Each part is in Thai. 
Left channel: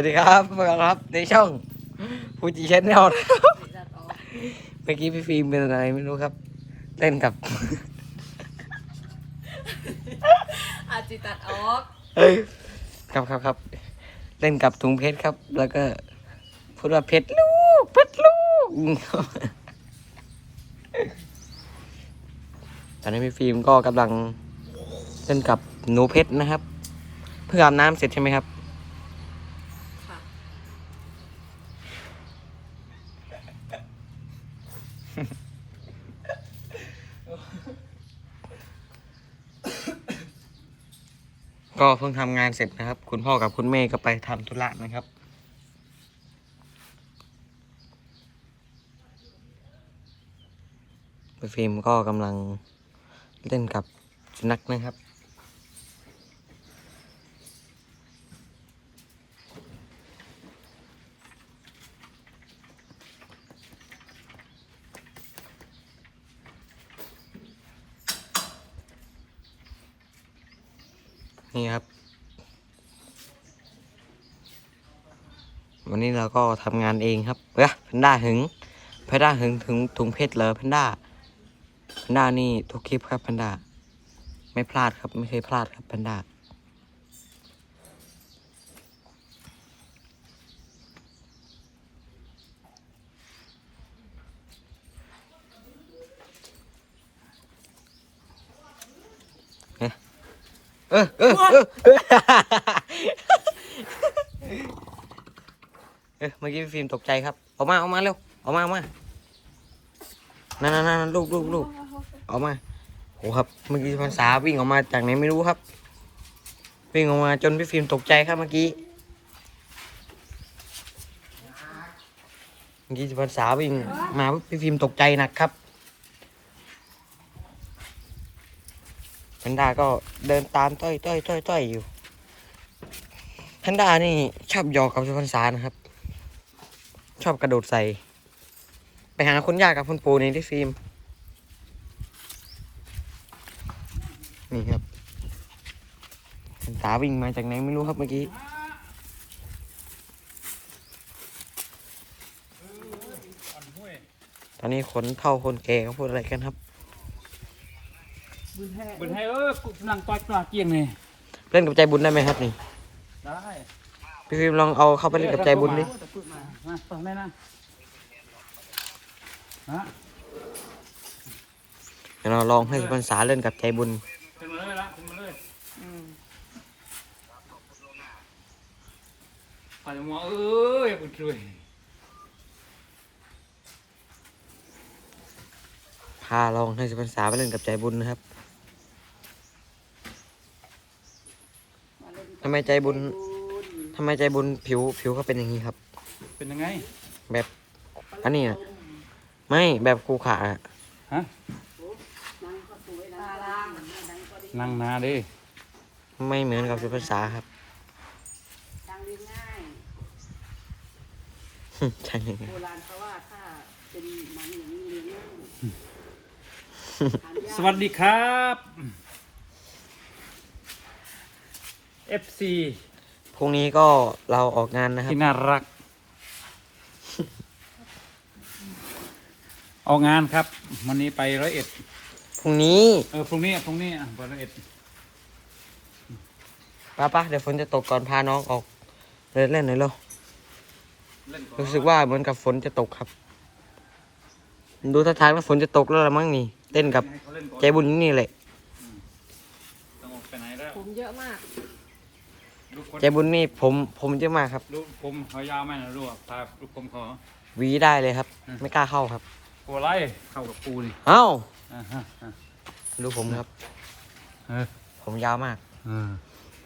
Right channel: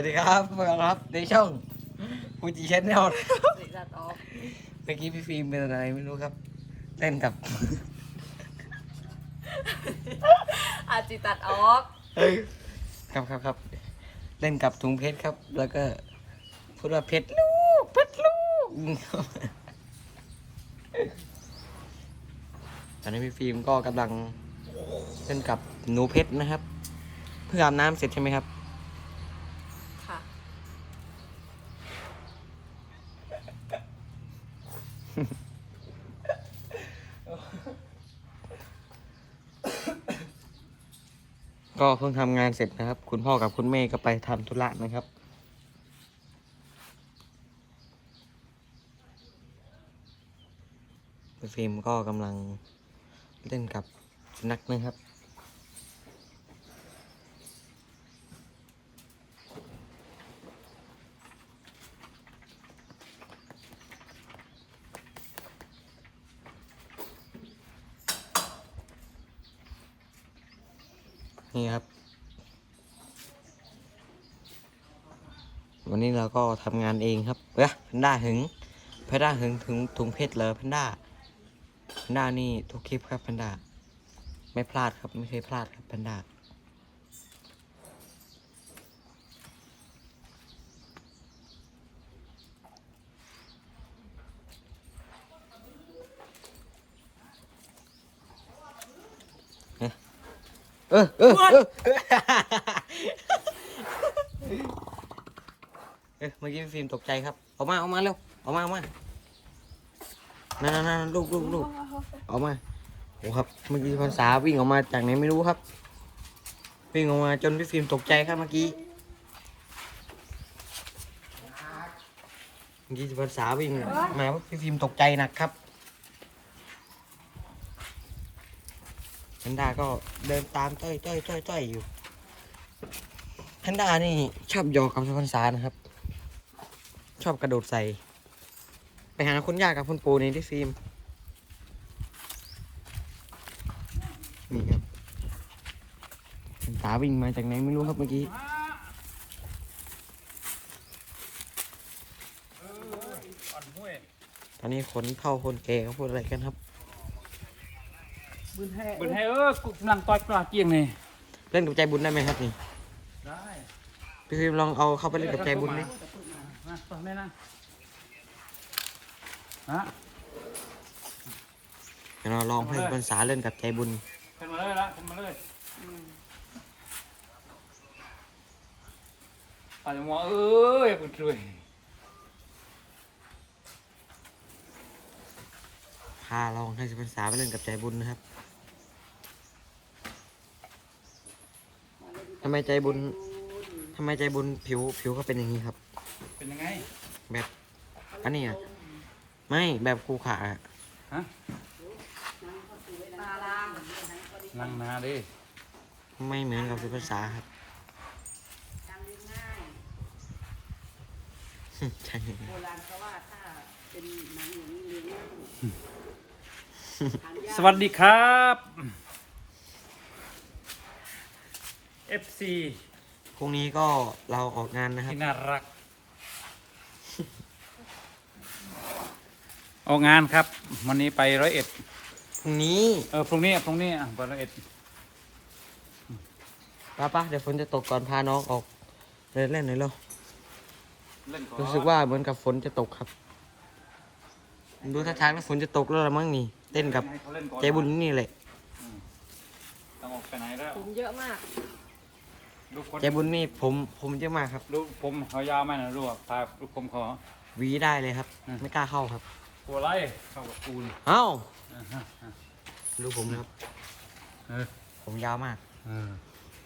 สวัสดีครับพวกเราครับในช่องฟูจิชแนลจัดออกเมื่อกี้พี่ฟิล์มเป็นอะไรไม่รู้ครับเล่นกับ อาจจิตัดออกครับครับครับเล่นกับถุงเพชรครับ แล้วก็พูดว่าเพชรลูกเพชรลูกตอนนี้พี่ฟิล์มก็กำลังเล่นกับหนูเพชรนะครับ เพิ่งอาบน้ำเสร็จใช่ไหมครับ เพิ่งทำงานเสร็จนะครับ คุณพ่อกับคุณแม่ก็ไปทำธุระนะครับ ฟิล์มก็กำลังเล่นกับสุนัขนะครับ นี่ครับ วันนี้เราก็ทำงานเองครับเฮ้ยแพนด้าหึงแพนด้าหึงถึงถุงเพชรเหรอแพนด้าแพนด้านี่ทุกคลิปครับแพนด้าไม่พลาดครับไม่เคยพลาดครับแพนด้า เออเออเออเออเมื่อกี้พี่ฟิล์มตกใจครับออกมาออกมาเร็วออกมาออกมานั่นนั่นนั่นลูกลูกลูกออกมาโอ้ครับเมื่อกี้ภาษาวิ่งออกมาจากไหนไม่รู้ครับ วิ่งออกมาจนพี่ฟิล์มตกใจครับเมื่อกี้เมื่อกี้ภาษาวิ่งมาพี่ฟิล์มตกใจหนักครับ แพนด้าก็เดินตามต้อยต้อยต้อยต้อยอยู่แพนด้านี่ชอบหยอกกับภาษานะครับ ชอบกระโดดใส่ ไปหาคุณย่ากับคุณปู่ในที่ฟิล์มนี่ครับตาวิ่งมาจากไหนไม่รู้ครับเมื่อกี้ตอนนี้ขนเท่าคนแก่เขาพูดอะไรกันครับ บนให้เออกูกำลังต่อยกลาเกียงนี่เล่นกับใจบุญได้ไหมครับนี่ได้พี่ฟิล์มลองเอาเข้าไปเล่นกับใจบุญดิมาตรงได้นะฮะเดี๋ยวเราลองให้ภาษาเล่นกับใจบุญขึ้นมาเลยนะขึ้นมาเลยอาจจะมองเอ้ยเป็นช่วยาลองให้ภาษาไปเล่นกับใจบุญนะครับทำไมใจบุญทำไมใจบุญผิวผิวเขาเป็นอย่างนี้ครับ เป็นยังไง แบบอันนี้นะไม่แบบครูขาอะฮะนั่งนาดิไม่เหมือนกับสุภาษาครับใช่โบราณเขาว่าถ้าเป็นหนังอย่างนี้เลี้ยงง่ายถาม สยากวัสดีครับ FC พรุ่งนี้ก็เราออกงานนะครับ ที่น่ารัก ออกงานครับ วันนี้ไปร้อยเอ็ด พรุ่งนี้เออพรุ่งนี้พรุ่งนี้อะไปร้อยเอ็ดป้าป้าเดี๋ยวฝนจะตกก่อนพาน้องออกเดินเล่นหน่อยเร็วเล่นก่อนรู้สึกว่าเหมือนกับฝนจะตกครับ ดูท่าทางแล้วฝนจะตกแล้วละมั้งนี่ เต้นกับให้เขาเล่นก่อนใจบุญนี่แหละเอาออกไปไหนแล้วผมเยอะมากลูกคนใจบุญนี่ผมผมเยอะมากครับ ลูกผมเขายาวไหมนะลูกตาลูกผมขอ หวีได้เลยครับอืมไม่กล้าเข้าครับ กลัวไรเข้ากับปูดิเอ้าอ่าฮะอ่าดูผมครับเออผมยาวมากอืม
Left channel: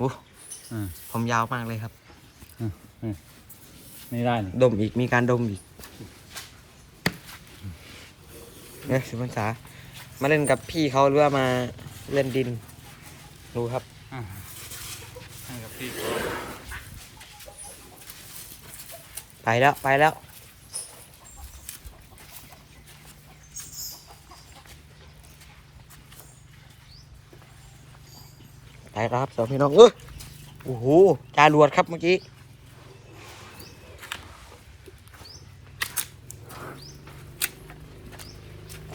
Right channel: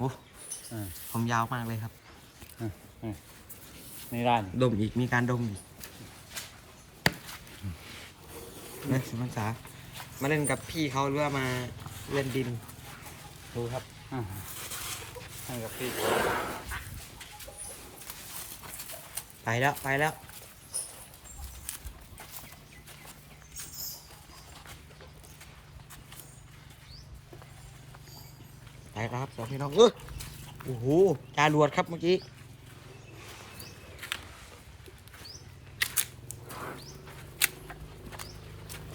อู้อืมผมยาวมากเลยครับไม่ได้นี่ดมอีกมีการดมอีกเนี่ยสิมันษา มาเล่นกับพี่เขาหรือว่ามาเล่นดิน ดูครับอ่าให้กับพี่ไปแล้วไปแล้ว ไปแล้วครับสองพี่น้องเออโอ้โหจารวดครับเมื่อกี้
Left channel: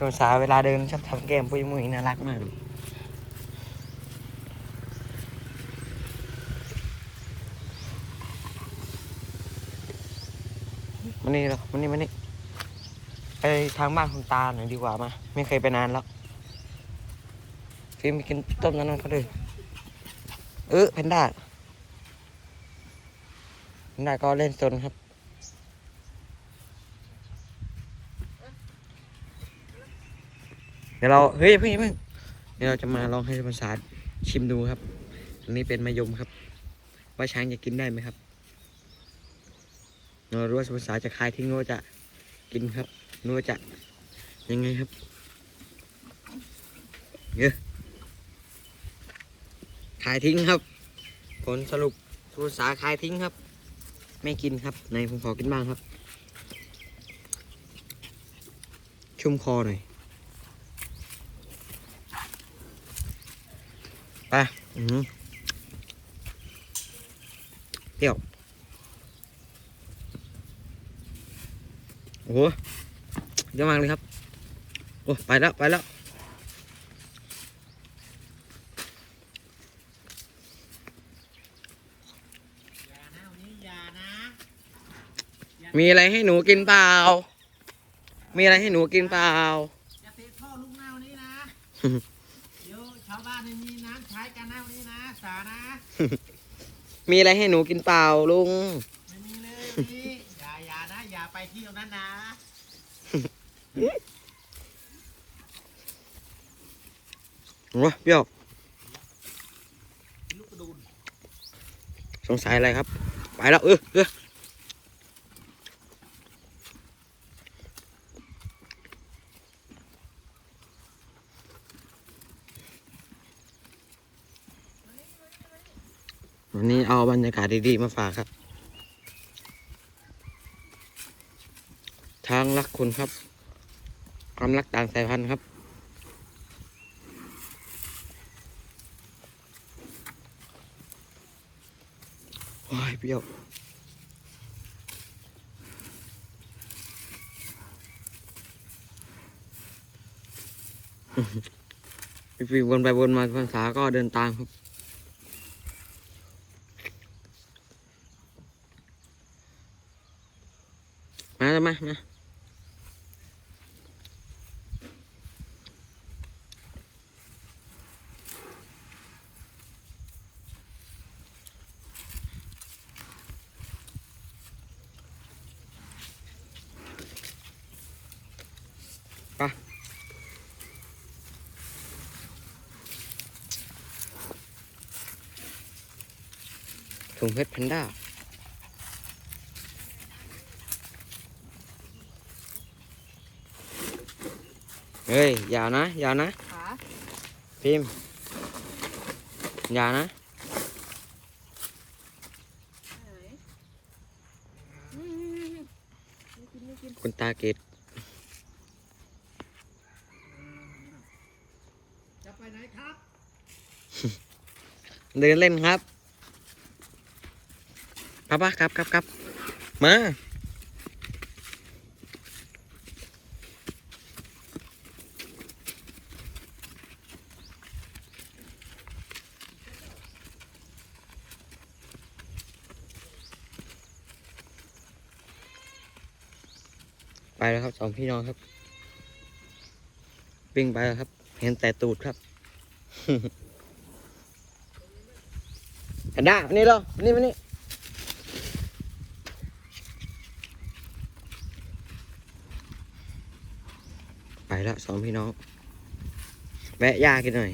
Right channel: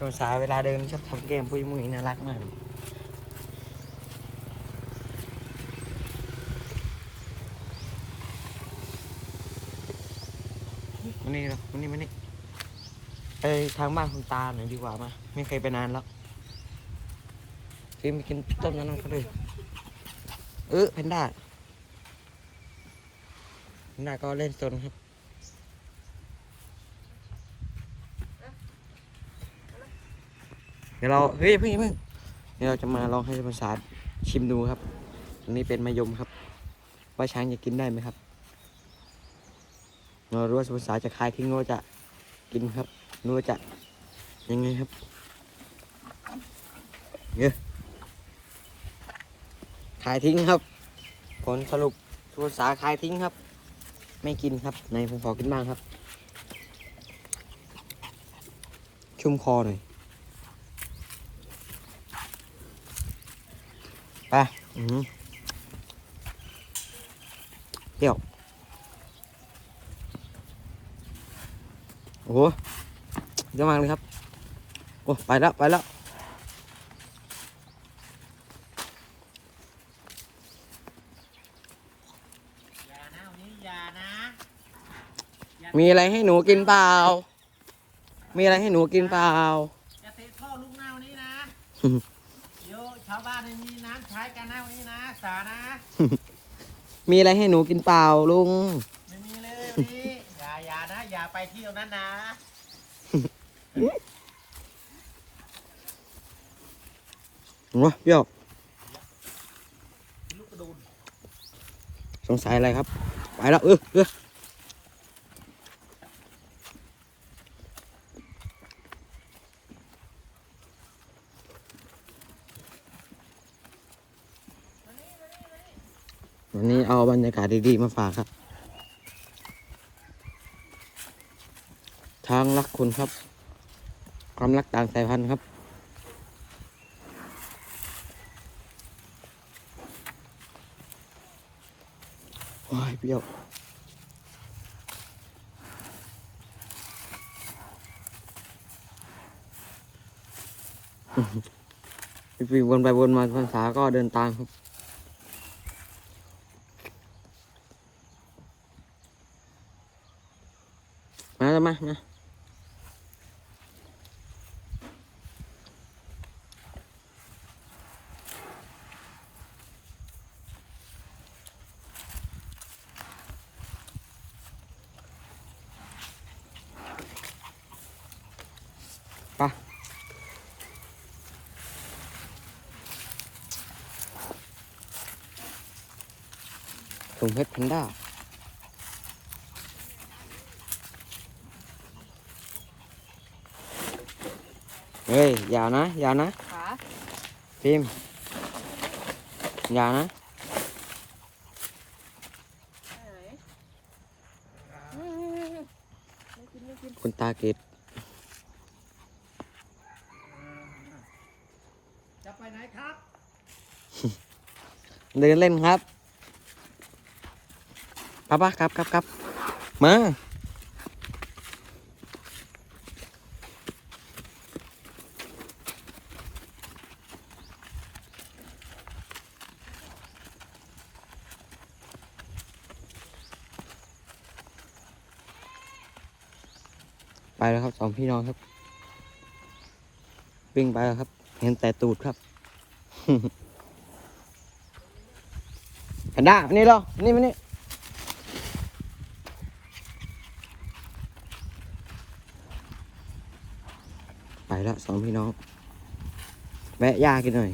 ภาษาเวลาเดินชอบทำแก้มปุ้ยมุ้ยน่ารักมากมานี่เหรอมานี่มานี่ไปทางบ้านคุณตาหน่อยดีกว่ามา ไม่เคยไปนานแล้ว ฟิล์มไปกินต้มนั้นนั่นเขาด้วยเออแพนด้าแพนด้าก็เล่นซนครับ ดี๋ยวเราเฮ้ยเพิ่งอย่าเพิ่งเดี๋ยวเราจะมาลองให้ภาษาชิมดูครับ อันนี้เป็นมะยมครับ ว่าช้างจะกินได้ไหมครับเรารู้ว่าภาษาจะคายทิ้งหรือว่าจะกินครับหรือว่าจะยังไงครับเยอะคายทิ้งครับ ผลสรุปภาษาคายทิ้งครับ ไม่กินครับในผมขอกินบ้างครับ ชุ่มคอหน่อย ไปอือหือ เปรี้ยว โอ้โหเยอะมากเลยครับ โอ้ ไปแล้ว ไปแล้วอย่านะวันนี้อย่านะมีอะไรให้หนูกินเปล่า มีอะไรให้หนูกินเปล่าอย่าเตะท่อลูกหน้าวันนี้นะเดี๋ยว ชาวบ้านไม่มีน้ำใช้กันนะวันนี้นะสานะ มีอะไรให้หนูกินเปล่าลุง ไม่มีเลยวันนี้ อย่าอย่านะ อย่าไปเที่ยวนั้นนะโอ้เปรี้ยวลูกกระดูนสงสัยอะไรครับ ไปแล้วเออเออ วันนี้เอาบรรยากาศดีๆมาฝากครับ ทางรักคุณครับ ความรักต่างสายพันธุ์ครับว้ายเปรี้ยวพี่ฟีวนไปวนมาภาษาก็เดินตามครับ มาแล้วมา มา ไปถุ งเพชรแพนด้าเฮ้ยอย่านะอย่านะขาพิมอย่านะคุณตาเกตจะไปไหนครับ เดินเล่นครับ ป้าป้าครับครับครับมาไปแล้วครับสองพี่น้องครับวิ่งไปแล้วครับ เห็นแต่ตูดครับแพนด้ามานี่เหรอมานี่มานี่ แล้วสองพี่น้อง แวะยากินหน่อย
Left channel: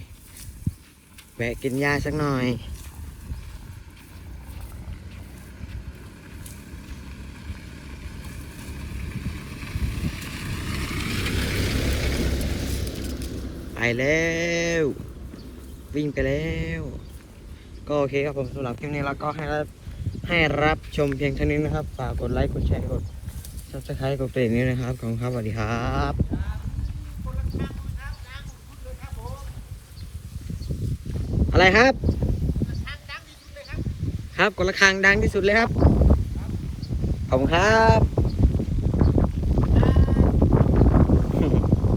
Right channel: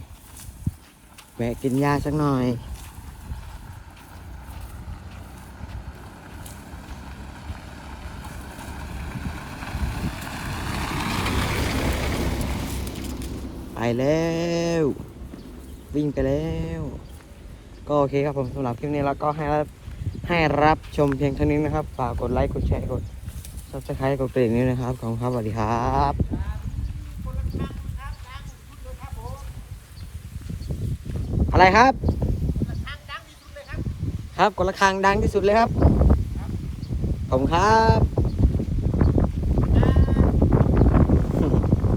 แวะกินยาสักหน่อยไปแล้ว วิ่งไปแล้ว ก็โอเคครับผมสำหรับคลิปนี้แล้วก็ให้รับให้รับชมเพียงเท่านี้นะครับ ฝากกดไลค์ กดแชร์ กด subscribe กดกระดิ่งนี้นะครับ ขอบคุณครับ สวัสดีครับ อะไรครับครับกดระฆังดังที่สุดเลยครับขอบคุณครับ